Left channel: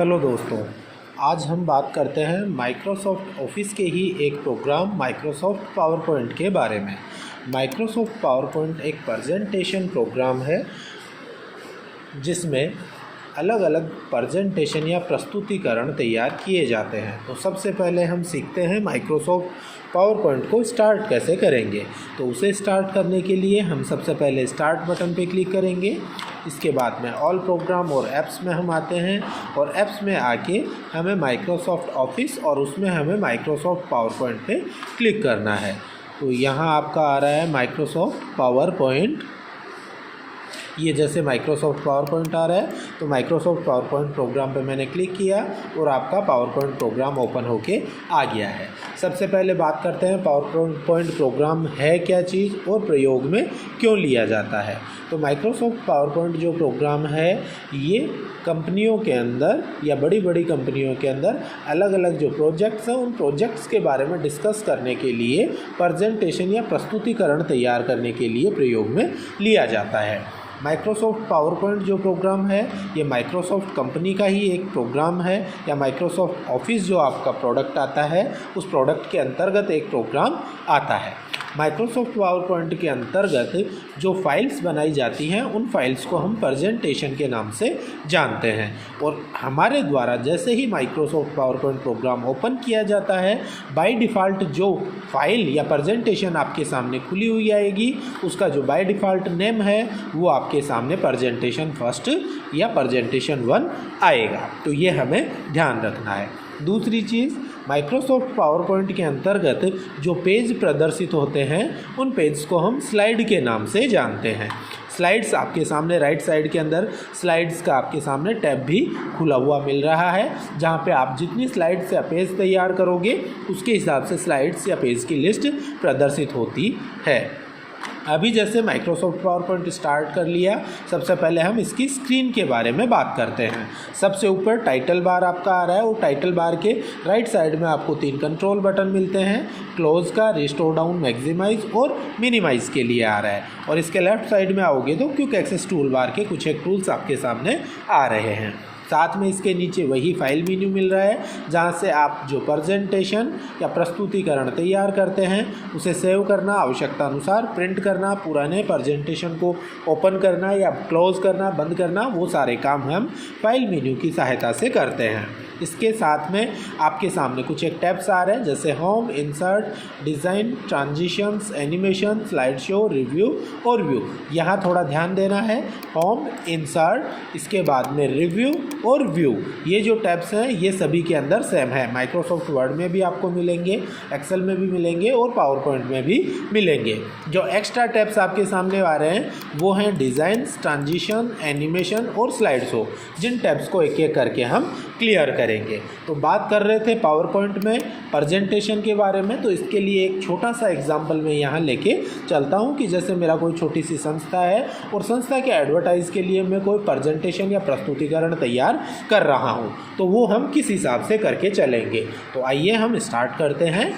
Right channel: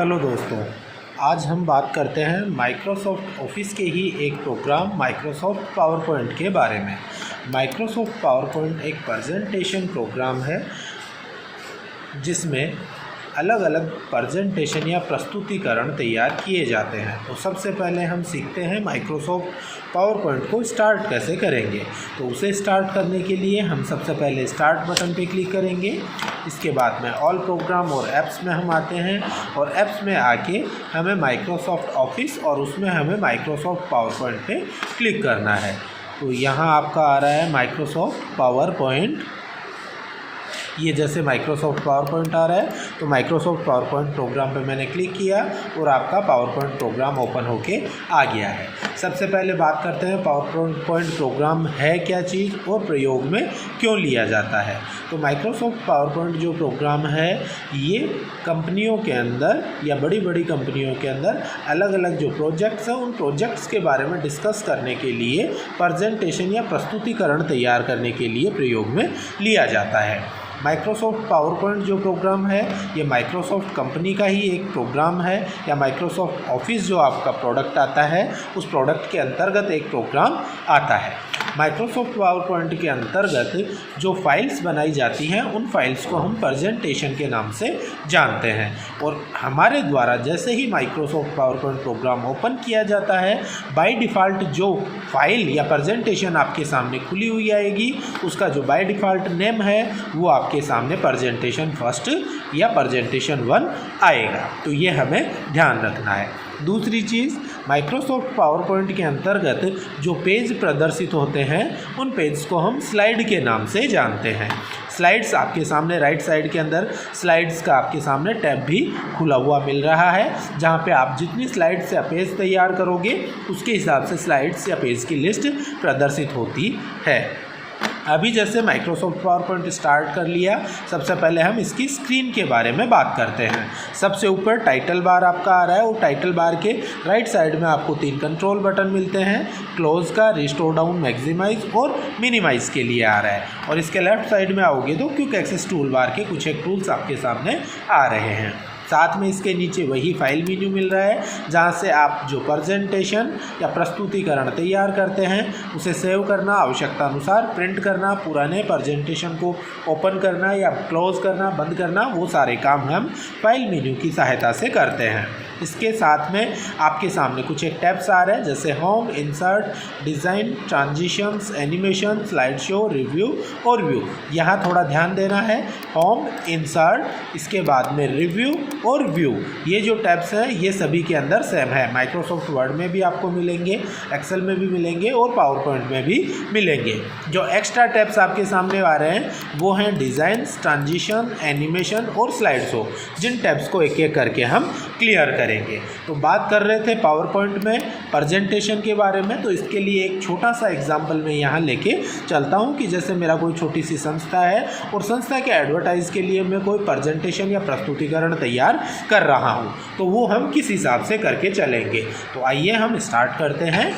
Hello दोस्तों, आज हम बात करते हैं माइक्रोसॉफ्ट ऑफिस के ही एक प्रोग्राम माइक्रोसॉफ्ट पावर पॉइंट के बारे में। माइक्रोसॉफ्ट पावर पॉइंट एक प्रेजेंटेशन प्रोग्राम है जिसमें अलग अलग प्रेजेंटेशन या प्रस्तुतिकरण तैयार किए जाते हैं। तो सबसे पहले हम सीखते हैं माइक्रोसॉफ्ट पावर पॉइंट को स्टार्ट कैसे करेंगे। तो उसे स्टार्ट करने के लिए हम सबसे पहले स्टार्ट बटन पे क्लिक करेंगे। इसके बाद में ऑल प्रोग्राम और ऐप्स में हम आते हैं और ऐप्स में आके हमें माइक्रोसॉफ्ट ऑफिस और उसमें हमें माइक्रोसॉफ्ट पावर पॉइंट पे क्लिक करना है। तो यहाँ आपका आ रहा है माइक्रोसॉफ्ट पावर पॉइंट। ये जैसे माइक्रोसॉफ्ट पावर पॉइंट आ रहा है तो माइक्रोसॉफ्ट पावर पॉइंट प्रोग्राम पे मैंने क्लिक किया और आपका पावर पॉइंट प्रोग्राम ओपन होके आ गया है। सबसे पहले बात करते हैं पावर पॉइंट प्रोग्राम है क्या चीज़ और प्रयोग में क्यों लिया जाता है। तो माइक्रोसॉफ्ट पावर पॉइंट जो प्रोग्राम है ये कंपनियों के अंदर या बड़ी बड़ी कंपनियों के अंदर अलग अलग जो प्रोजेक्ट्स हैं उन प्रोजेक्ट्स के बारे में डिस्कस करने के लिए प्रेजेंटेशन या प्रस्तुतिकरण तैयार करने के लिए प्रयोग में लिया जाता है। माइक्रोसॉफ्ट पावर पॉइंट जो प्रोग्राम है ये माइक्रोसॉफ्ट कंपनी का ही एक प्रोग्राम है या माइक्रोसॉफ्ट ऑफिस जो आपका प्रोडक्ट आता है उस प्रोडक्ट के अंतर्गत एक प्रोग्राम आता है। माइक्रोसॉफ्ट पावर पॉइंट के अंतर्गत जो फाइल्स बनाई जाती हैं उन फाइल्स को हम प्रेजेंटेशन के नाम से जानते हैं और हमारे द्वारा जैसे ही Microsoft PowerPoint program open किया जाता है बाय डिफ़ॉल्ट जो फाइल या प्रेजेंटेशन आपके सामने खुली हुई आएगी उसका जो बाय डिफ़ॉल्ट नेम है वो आपके सामने प्रेजेंटेशन फर्स्ट या प्रेजेंटेशन 1 आएगा। तो ये हमें ध्यान रखना है। दूसरी चीज़, माइक्रोसॉफ्ट पावर पॉइंट के अंतर्गत जो पेज प्रदर्शित होते हैं उन पेज को हम स्लाइड के नाम से जानते हैं। स्लाइड्स आपके सामने राइट साइड के अंदर स्लाइड्स का आपके सामने टैब भी खुला हुआ मिल रहा है जहां पे आप जितनी स्लाइड्स या पेज तैयार करोगे उसके हिसाब से स्लाइड्स या पेज की लिस्ट प्रदर्शित होती है। अभी जैसे माइक्रोसॉफ्ट पावर पॉइंट स्टार्ट कर लिया, सबसे पहले हम इसकी स्क्रीन के बारे में बात करते हैं। सबसे ऊपर टाइटल बार आपका आ रहा है और टाइटल बार के राइट साइड में आपको 3 कंट्रोल बटन मिलते हैं। क्लोज का, रिस्टोर डाउन, मैक्सिमाइज और मिनिमाइज के लिए आ रहा है। और इसके लेफ्ट साइड में आओगे तो क्विक एक्सेस टूल बार के कुछ एक टूल्स आपके सामने आ रहे हैं। साथ में इसके नीचे वही फाइल मेन्यू मिल रहा है जहां से आप जो प्रेजेंटेशन या प्रस्तुतिकरण तैयार करते हैं उसे सेव करना, आवश्यकता अनुसार प्रिंट करना, पुराने प्रेजेंटेशन को ओपन करना या क्लोज करना, बंद करना, वो सारे काम हम फाइल मेन्यू की सहायता से करते हैं। इसके साथ में आपके सामने कुछ एक टैब्स आ रहे हैं जैसे home, insert, design, transitions, animation, slide show, review और व्यू। यहाँ थोड़ा ध्यान देना है, होम, इंसर्ट, इसके बाद में रिव्यू और व्यू, ये जो टैब्स हैं ये सभी के अंदर सेम है। माइक्रोसॉफ्ट वर्ड में भी आपको मिलेंगे, एक्सेल में भी मिलेंगे और पावर पॉइंट में भी मिलेंगे। जो एक्स्ट्रा टैब्स आपके सामने आ रहे हैं वो हैं डिज़ाइन, ट्रांजिशन, एनिमेशन और स्लाइड शो, जिन टैब्स को एक एक करके हम क्लियर करेंगे। तो बात कर रहे थे पावर पॉइंट में प्रेजेंटेशन के बारे में, तो इसके लिए एक छोटा सा एग्जाम्पल मैं यहाँ लेके चलता हूँ कि जैसे मेरा कोई छोटी सी संस्था है और संस्था के एडवर्टाइज के लिए मैं कोई प्रेजेंटेशन या प्रस्तुतिकरण तैयार कर रहा हूं, तो वो हम किस हिसाब से करके चलेंगे। तो आइए हम स्टार्ट करते हैं।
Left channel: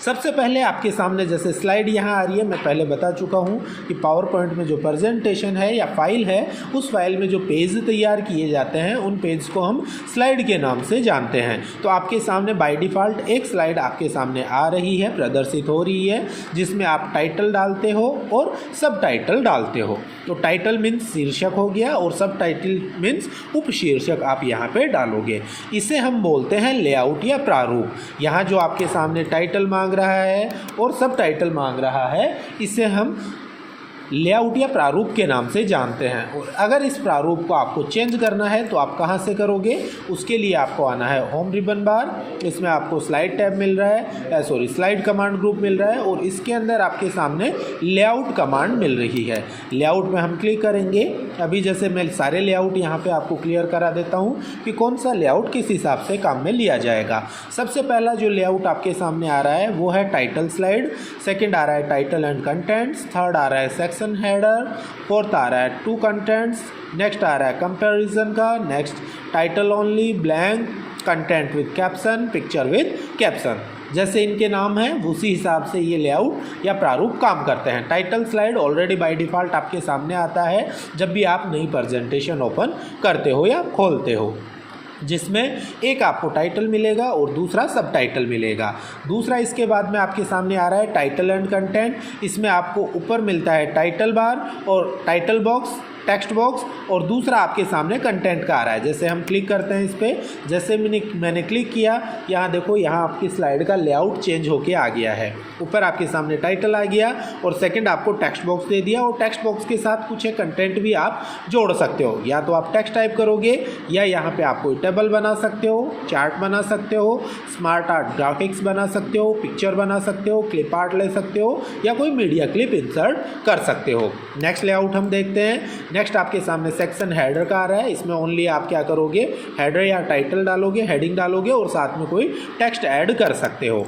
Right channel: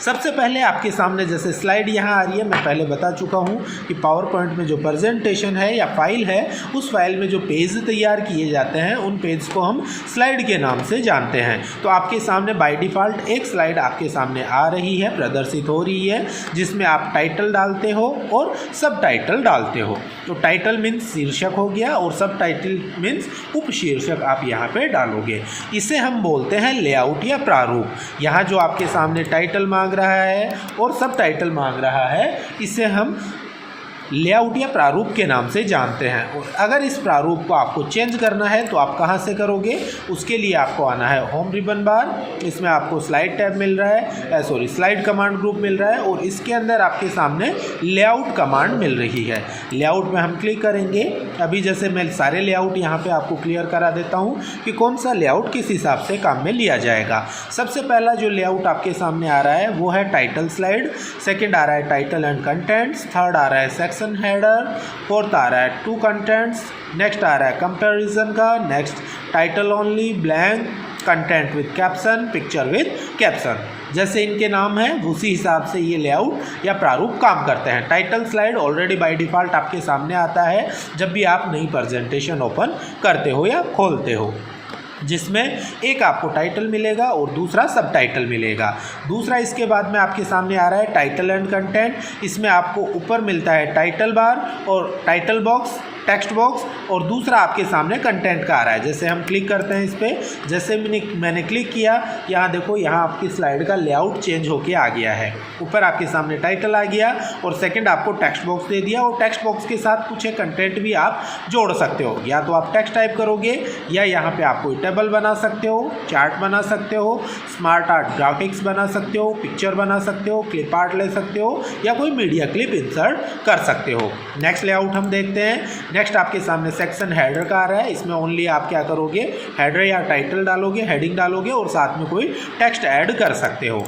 सबसे पहले आपके सामने जैसे स्लाइड यहाँ आ रही है, मैं पहले बता चुका हूँ कि पावर पॉइंट में जो प्रेजेंटेशन है या फाइल है उस फाइल में जो पेज तैयार किए जाते हैं उन पेज को हम स्लाइड के नाम से जानते हैं। तो आपके सामने बाय डिफ़ॉल्ट एक स्लाइड आपके सामने आ रही है, प्रदर्शित हो रही है, जिसमें आप टाइटल डालते हो और सब टाइटल डालते हो। तो टाइटल मीन्स शीर्षक हो गया और सब टाइटल मीन्स उपशीर्षक आप यहाँ पे डालोगे। इसे हम बोलते हैं लेआउट या प्रारूप। यहाँ जो आपके सामने टाइटल मांग रहा है और सब टाइटल मांग रहा है, इसे हम लेआउट या प्रारूप के नाम से जानते हैं। और अगर इस प्रारूप को आपको चेंज करना है तो आप कहां से करोगे, उसके लिए आपको आना है होम रिबन बार। इसमें आपको स्लाइड टैब मिल रहा है, स्लाइड कमांड ग्रुप मिल रहा है और इसके अंदर आपके सामने लेआउट कमांड मिल रही है। लेआउट में हम क्लिक करेंगे। अभी जैसे मैं सारे लेआउट यहाँ पे आपको क्लियर करा देता हूँ कि कौन सा लेआउट किस हिसाब से काम में लिया जाएगा। सबसे पहला जो लेआउट आपके सामने आ रहा है वो है टाइटल स्लाइड, सेकेंड आ रहा है टाइटल एंड कंटेंट्स, थर्ड आ रहा है सेक्शन हेडर, फोर्थ आ रहा है टू कंटेंट्स, नेक्स्ट आ रहा है कंपैरिजन का, next title only, blank, content with caption, picture with caption. जैसे इनके नाम हैं उसी हिसाब से ये लेआउट या प्रारूप काम करते हैं। Title slide already by default आपके सामने आता है जब भी आप नई प्रेजेंटेशन ओपन करते हो या खोलते हो। जिसमें एक आपको टाइटल मिलेगा और दूसरा सब टाइटल मिलेगा। दूसरा इसके बाद में आपके सामने आ रहा है टाइटल एंड कंटेंट। इसमें आपको ऊपर मिलता है टाइटल बार और टाइटल बॉक्स, टेक्स्ट बॉक्स, और दूसरा आपके सामने कंटेंट का आ रहा है। जैसे हम क्लिक करते हैं इस पर, जैसे मैंने क्लिक किया, यहाँ देखो यहाँ आपकी स्लाइड का लेआउट चेंज होके आ गया है। ऊपर आपके सामने टाइटल आ गया और सेकंड आपको टेक्स्ट बॉक्स दे दिया, और टेक्स्ट बॉक्स के साथ कुछ कंटेंट भी आप जोड़ सकते हो। या तो आप टेक्स्ट टाइप करोगे या यहाँ पे आप कोई टेबल बना सकते हो, चार्ट बना सकते हो, स्मार्ट आर्ट ग्राफिक्स बना सकते हो, पिक्चर बना सकते हो, क्लिप आर्ट ले सकते हो, या कोई मीडिया क्लिप इंसर्ट कर सकते हो। नेक्स्ट लेआउट हम देखते हैं। नेक्स्ट आपके सामने सेक्शन हेडर का आ रहा है। इसमें ओनली आप क्या करोगे, हेडर या टाइटल डालोगे, हेडिंग डालोगे और साथ में कोई टेक्स्ट ऐड कर सकते हो।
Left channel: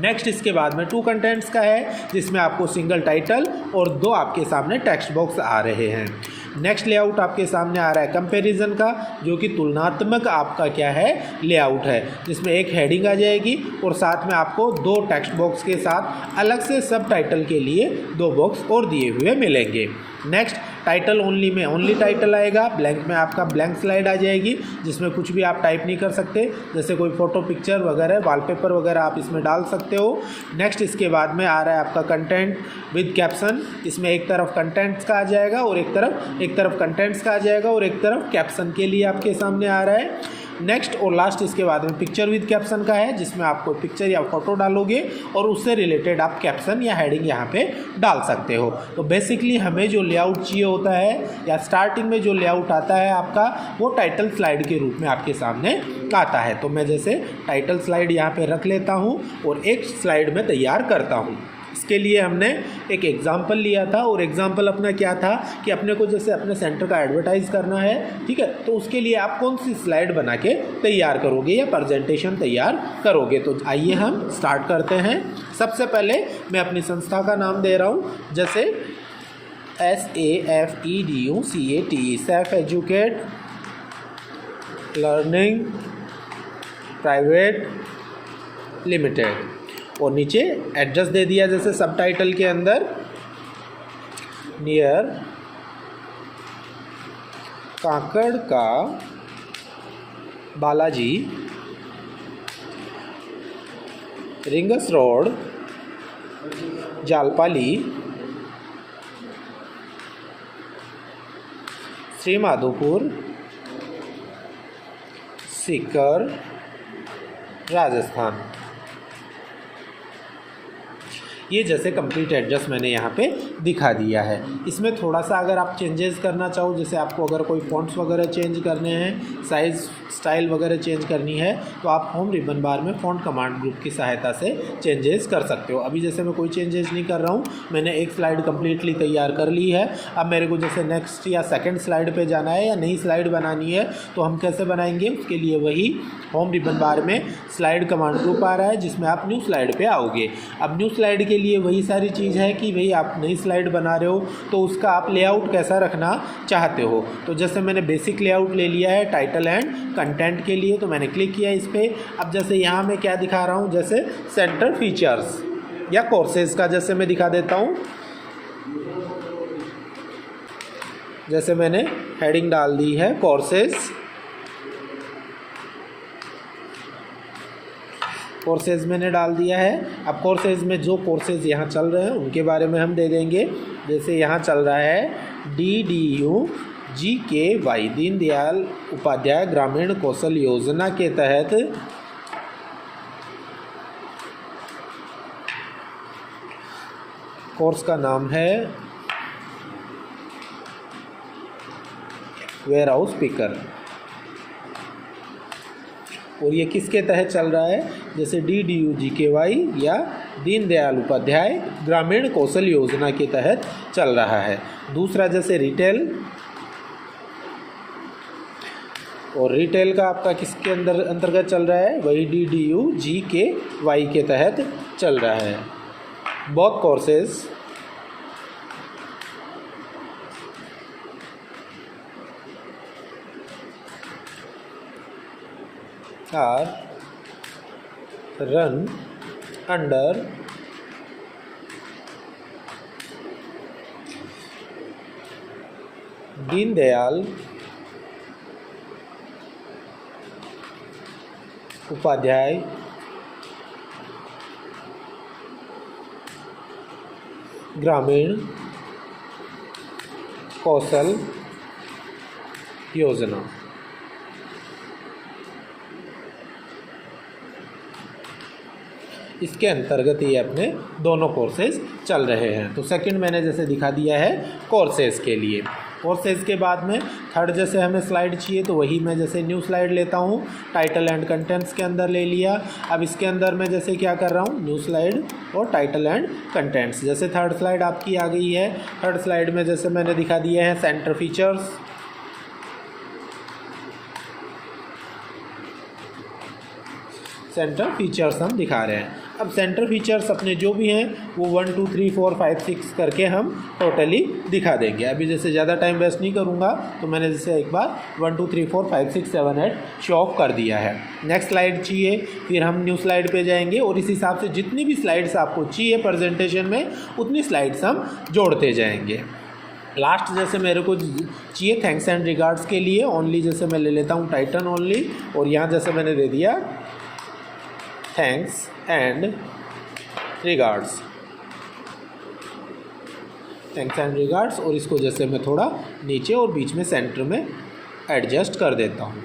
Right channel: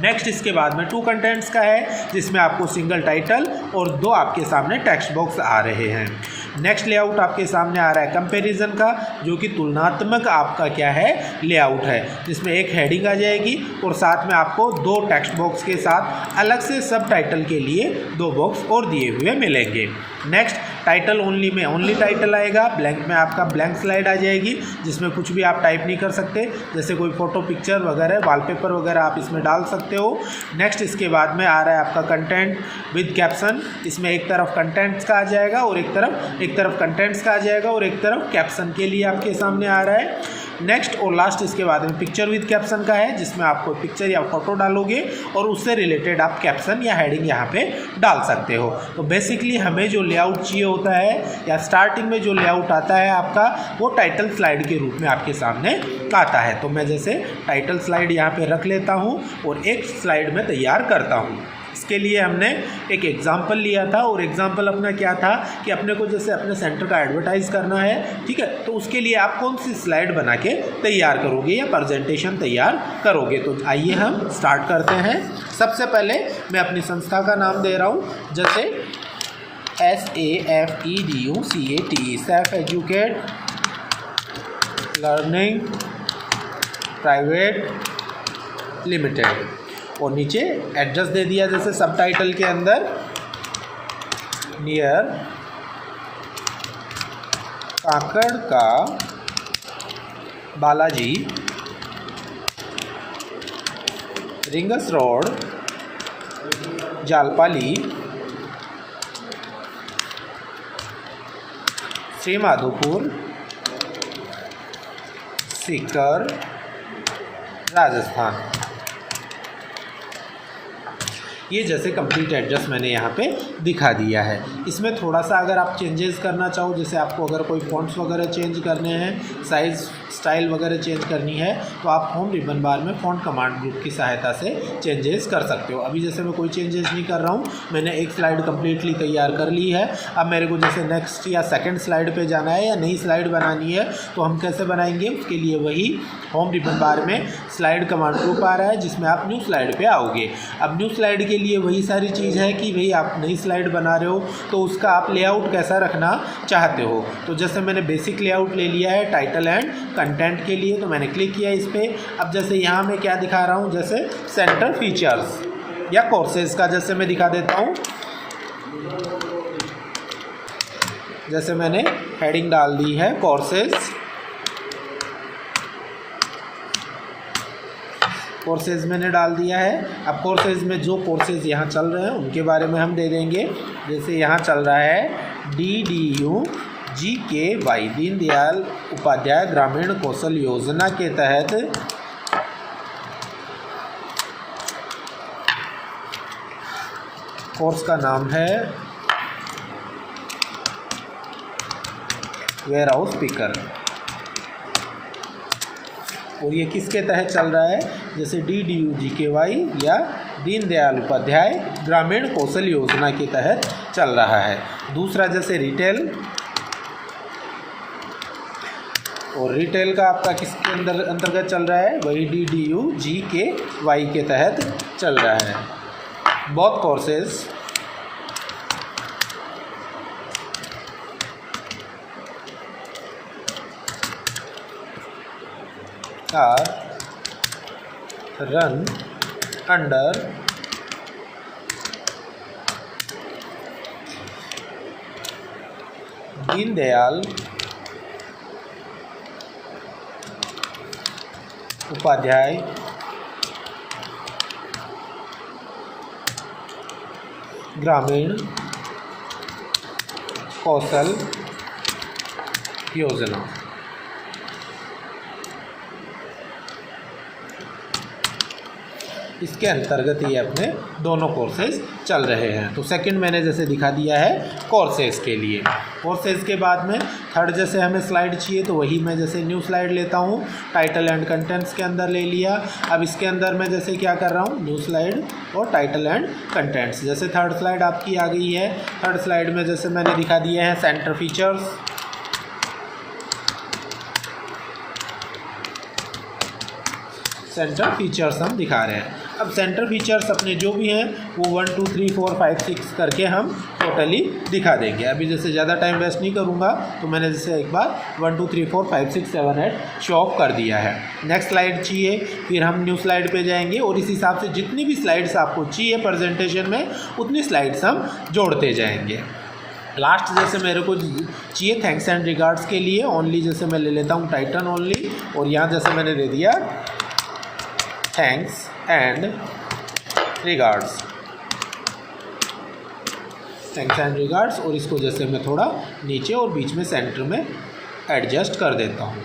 नेक्स्ट इसके बाद में टू कंटेंट्स का है, जिसमें आपको सिंगल टाइटल और दो आपके सामने टेक्स्ट बॉक्स आ रहे हैं। नेक्स्ट लेआउट आपके सामने आ रहा है कंपैरिजन का, जो कि तुलनात्मक आपका क्या है, लेआउट है, जिसमें एक हेडिंग आ जाएगी और साथ में आपको दो टेक्स्ट बॉक्स के साथ अलग से सब टाइटल के लिए दो बॉक्स और दिए हुए मिलेंगे। नेक्स्ट टाइटल ओनली में ओनली टाइटल आएगा, ब्लैंक में आपका ब्लैंक स्लाइड आ जाएगी, जिसमें कुछ भी आप टाइप नहीं कर सकते, जैसे कोई फ़ोटो, पिक्चर वगैरह, वॉलपेपर वगैरह आप इसमें डाल सकते हो। नेक्स्ट इसके बाद में आ रहा है आपका कंटेंट विद कैप्शन। इसमें एक तरफ कंटेंट्स का आ जाएगा और एक तरफ कंटेंट्स का आ जाएगा और एक तरफ कैप्शन के लिए आपके सामने आ रहा है। नेक्स्ट और लास्ट इसके बाद में पिक्चर विद कैप्शन का है, जिसमें आप कोई पिक्चर या फोटो डालोगे और उससे रिलेटेड आप कैप्शन या हेडिंग यहाँ पे डाल सकते हो। तो बेसिकली हमें जो लेआउट चाहिए होता है, या स्टार्टिंग में जो लेआउट आता है आपका, वो टाइटल स्लाइड के रूप में आपके सामने आता है। तो मैं जैसे टाइटल स्लाइड यहाँ पे रख लेता हूँ और एक स्लाइड में तैयार करता हूँ। इसके लिए हमने एक एग्जाम्पल लिया था, और एग्जाम्पल अपना क्या था कि अपने को जैसे अपने सेंटर का एडवर्टाइज़ करना है, ठीक है, तो उसके लिए आप कौन सी स्लाइड बना के तैयार करोगे या प्रेजेंटेशन तैयार करोगे। तो आइए हम स्टार्ट करते हैं। सबसे पहले मैं अपनी संस्था का नाम दे रहा हूँ, जैसे SAFEDUCAT, safe educate learning private limited, और नीचे एड्रेस दे दिया जैसे सब टाइटल के अंदर, नियर काकड़ का बालाजी, रिंगस रोड, जालपाली, श्री माधोपुर, सीकर, राजस्थान। ये जैसे कंप्लीट एड्रेस मैंने यहाँ पे दिखा दिया है। इसमें थोड़ा सा अगर आप चेंजेस करना चाहो, जैसे आपको अगर कोई फॉन्ट्स वगैरह चेंज करने हैं, साइज़, स्टाइल वगैरह चेंज करनी है, तो आप होम रिबन बार में फ़ॉन्ट कमांड ग्रुप की सहायता से चेंजेस कर सकते हो। अभी जैसे मैं कोई चेंजेस नहीं कर रहा हूँ, मैंने एक स्लाइड कम्प्लीटली तैयार कर ली है। अब मेरे को जैसे नेक्स्ट या सेकंड स्लाइड पे जाना है या नई स्लाइड बनानी है, तो हम कैसे बनाएंगे, उसके लिए वही होम रिबन बार में स्लाइड कमांड ग्रुप आ रहा है, जिसमें आप न्यू स्लाइड पे आओगे। अब न्यू स्लाइड के लिए वही सारी चीज़ है कि भाई आप नई स्लाइड बना रहे हो, तो उसका आप लेआउट कैसा रखना चाहते हो। तो जैसे मैंने बेसिक लेआउट ले लिया है टाइटल एंड कंटेंट के लिए, तो मैंने क्लिक किया इस पर। अब जैसे यहाँ मैं क्या दिखा रहा हूँ, जैसे सेंटर फीचर्स या कोर्सेज का जैसे मैं दिखा देता हूँ। जैसे मैंने हेडिंग डाल दी है कोर्सेज, कोर्सेज मैंने डाल दिया है। अब कोर्सेज में जो कोर्सेज यहाँ चल रहे हैं उनके बारे में हम दे देंगे। जैसे यहाँ चल रहा है DDU-GKY, दीनदयाल उपाध्याय ग्रामीण कौशल योजना के तहत कोर्स का नाम है वेयर हाउस पिकर, और ये किसके तहत चल रहा है, जैसे DDU-GKY या दीनदयाल उपाध्याय ग्रामीण कौशल योजना के तहत चल रहा है। दूसरा जैसे रिटेल, और रिटेल का आपका किसके अंतर्गत चल रहा है, वही DDU-GKY के तहत चल रहा है। Both courses are run under Deendayal Upadhyay Grameen Kaushal योजना। इसके अंतर्गत ये अपने दोनों कोर्सेज चल रहे हैं। तो सेकंड मैंने जैसे दिखा दिया है कोर्सेज के लिए। कोर्सेज के बाद में थर्ड जैसे हमें स्लाइड चाहिए तो वही मैं जैसे न्यू स्लाइड लेता हूँ, टाइटल एंड कंटेंट्स के अंदर ले लिया। अब इसके अंदर मैं जैसे क्या कर रहा हूँ, न्यू स्लाइड और टाइटल एंड कंटेंट्स। जैसे थर्ड स्लाइड आपकी आ गई है। थर्ड स्लाइड में जैसे मैंने दिखा दिया है सेंटर फीचर्स, सेंटर फीचर्स हम दिखा रहे हैं। अब सेंटर फीचर्स अपने जो भी हैं वो 1 2 3 4 5 6 करके हम टोटली दिखा देंगे। अभी जैसे ज़्यादा टाइम वेस्ट नहीं करूँगा तो मैंने जैसे एक बार 1 2 3 4 5 6 7 8 शो ऑफ कर दिया है। नेक्स्ट स्लाइड चाहिए, फिर हम न्यू स्लाइड पे जाएंगे और इस हिसाब से जितनी भी स्लाइड्स आपको चाहिए प्रेजेंटेशन में उतनी स्लाइड्स हम जोड़ते जाएंगे। लास्ट जैसे मेरे को चाहिए थैंक्स एंड रिगार्ड्स के लिए ओनली, जैसे मैं ले लेता हूँ टाइटल ओनली और यहाँ जैसे मैंने दे दिया thanks and regards, thanks and regards और इसको जैसे मैं थोड़ा नीचे और बीच में सेंटर में एडजस्ट कर देता हूँ।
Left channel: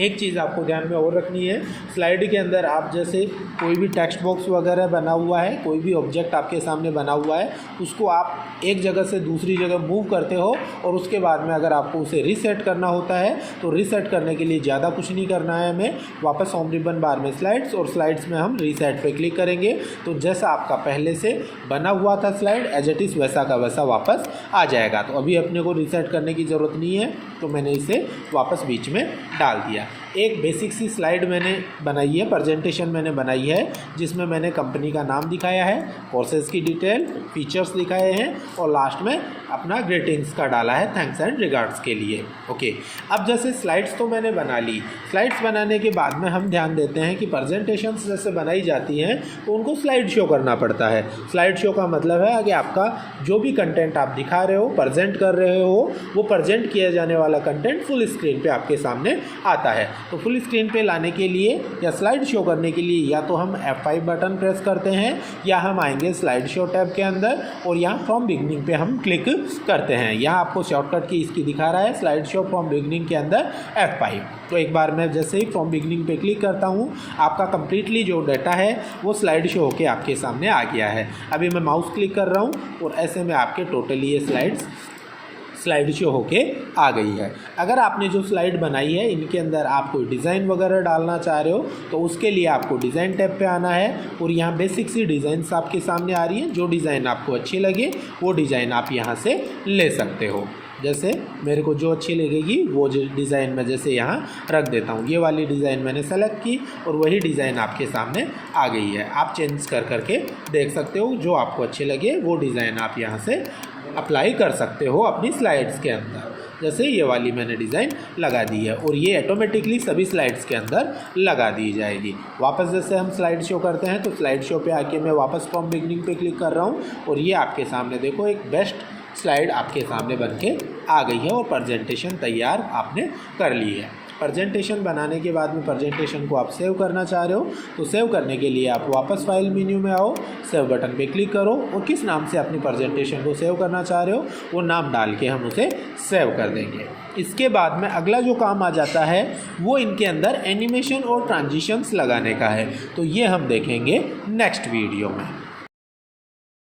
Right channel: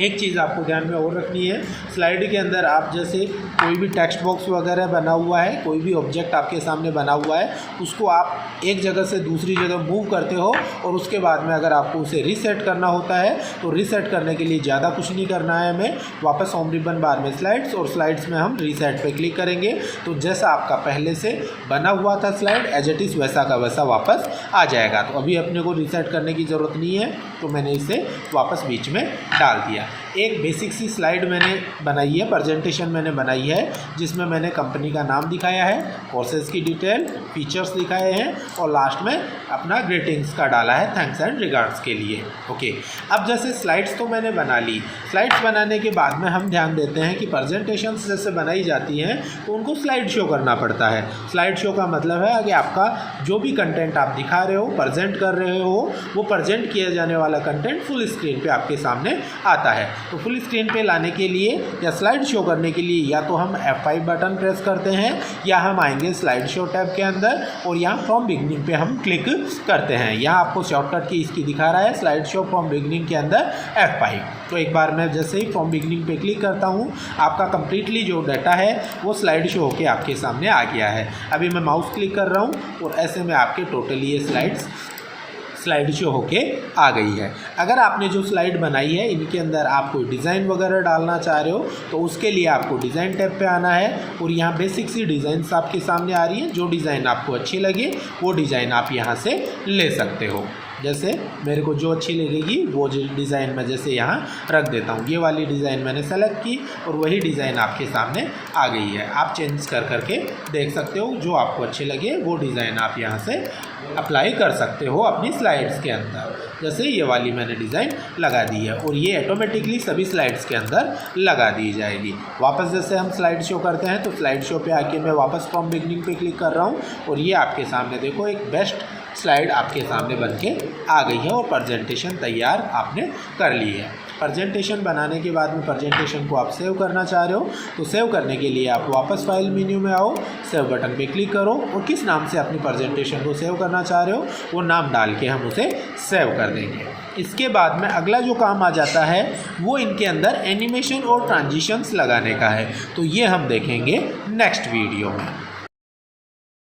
एक चीज़ आपको ध्यान में और रखनी है, स्लाइड के अंदर आप जैसे कोई भी टेक्स्ट बॉक्स वगैरह बना हुआ है, कोई भी ऑब्जेक्ट आपके सामने बना हुआ है, उसको आप एक जगह से दूसरी जगह मूव करते हो और उसके बाद में अगर आपको उसे रीसेट करना होता है तो रीसेट करने के लिए ज़्यादा कुछ नहीं करना है हमें। वापस होम रिबन बार में स्लाइड्स और स्लाइड्स में हम रीसेट पे क्लिक करेंगे तो जैसा आपका पहले से बना हुआ था स्लाइड एज इट इज़ वैसा का वैसा वापस आ जाएगा। तो अभी अपने को रीसेट करने की ज़रूरत नहीं है तो मैंने इसे वापस बीच में डाल दिया। एक बेसिक सी स्लाइड मैंने बनाई है, प्रेजेंटेशन मैंने बनाई है जिसमें मैंने कंपनी का नाम दिखाया है, कोर्सेज की डिटेल, फीचर्स दिखाए हैं और लास्ट में अपना ग्रीटिंग्स का डाला है थैंक्स एंड रिगार्ड्स के लिए। ओके, अब जैसे स्लाइड्स तो मैंने बना ली। स्लाइड्स बनाने के बाद में हम ध्यान देते हैं कि प्रेजेंटेशंस जैसे बनाई जाती हैं तो उनको स्लाइड शो करना पड़ता है। स्लाइड शो का मतलब है कि आपका जो भी कंटेंट आप दिखा रहे हो, प्रेजेंट कर रहे हो, वो प्रेजेंट किया जाने वाला कंटेंट फुल स्क्रीन पे आपके सामने आता है। तो फुल स्क्रीन पे लाने के लिए या स्लाइड शो करने के लिए या तो हम F5 बटन प्रेस करते हैं या हम आएंगे स्लाइड शो टैब के अंदर और यहाँ फ्रॉम बिगनिंग पे हम क्लिक करते हैं। यहाँ आपको शॉर्टकट की इसकी दिखा रहा है स्लाइड शो फ्रॉम बिगनिंग के अंदर F5। तो एक बार मैं जैसे ही फ्रॉम बिगनिंग पे क्लिक करता हूँ आपका कंप्लीटली जो डाटा है वो स्लाइड शो होके आपके सामने आ गया है। अभी मैं माउस क्लिक कर रहा हूँ और ऐसे में आपके टोटली ये स्लाइड शो होके आ गई है। अगर आपने जो स्लाइड बनाई है इनके अंदर आप कोई डिज़ाइन वगैरह डालना चाह रहे हो तो उसके लिए आपको डिज़ाइन टैब पे आना है और यहाँ बेसिक सी डिज़ाइंस आपके सामने आ रही है। जो डिज़ाइन आपको अच्छी लगे वो डिज़ाइन आप यहाँ से ले सकते हो। जैसे मेरे को जो अच्छी लगेगी वो डिज़ाइन मैं जैसे यहाँ रख देता हूँ। ये वाली डिज़ाइन मैंने सेलेक्ट की और वही डिज़ाइन आपके सामने आ गई है। आप चेंज कर करके देख सकते हो, जो आपको अच्छे लगे वो डिज़ाइन आप यहाँ से अप्लाई कर सकते हो अपनी स्लाइड्स के अंदर। जैसे ये वाली मैंने डिज़ाइन लगा दी है और ये ऑटोमेटिकली सभी स्लाइड्स के अंदर लगा दी जाएगी। वापस जैसे हम स्लाइड शो करते हैं तो स्लाइड शो पे आके मैं वापस फ्रॉम बिगनिंग पे क्लिक कर रहा हूँ और ये आपके सामने देखो एक बेस्ट स्लाइड आपके सामने बन के आ गई है और प्रेजेंटेशन तैयार आपने कर ली है। प्रेजेंटेशन बनाने के बाद में प्रेजेंटेशन को आप सेव करना चाह रहे हो तो सेव करने के लिए आप वापस फाइल मेन्यू में आओ, सेव बटन पे क्लिक करो और किस नाम से अपनी प्रेजेंटेशन को सेव करना चाह रहे हो वो नाम डाल के हम उसे सेव कर देंगे। इसके बाद में अगला जो काम आ जाता है वो इनके अंदर एनिमेशन और ट्रांजिशंस लगाने का है। तो ये हम देखेंगे नेक्स्ट वीडियो में।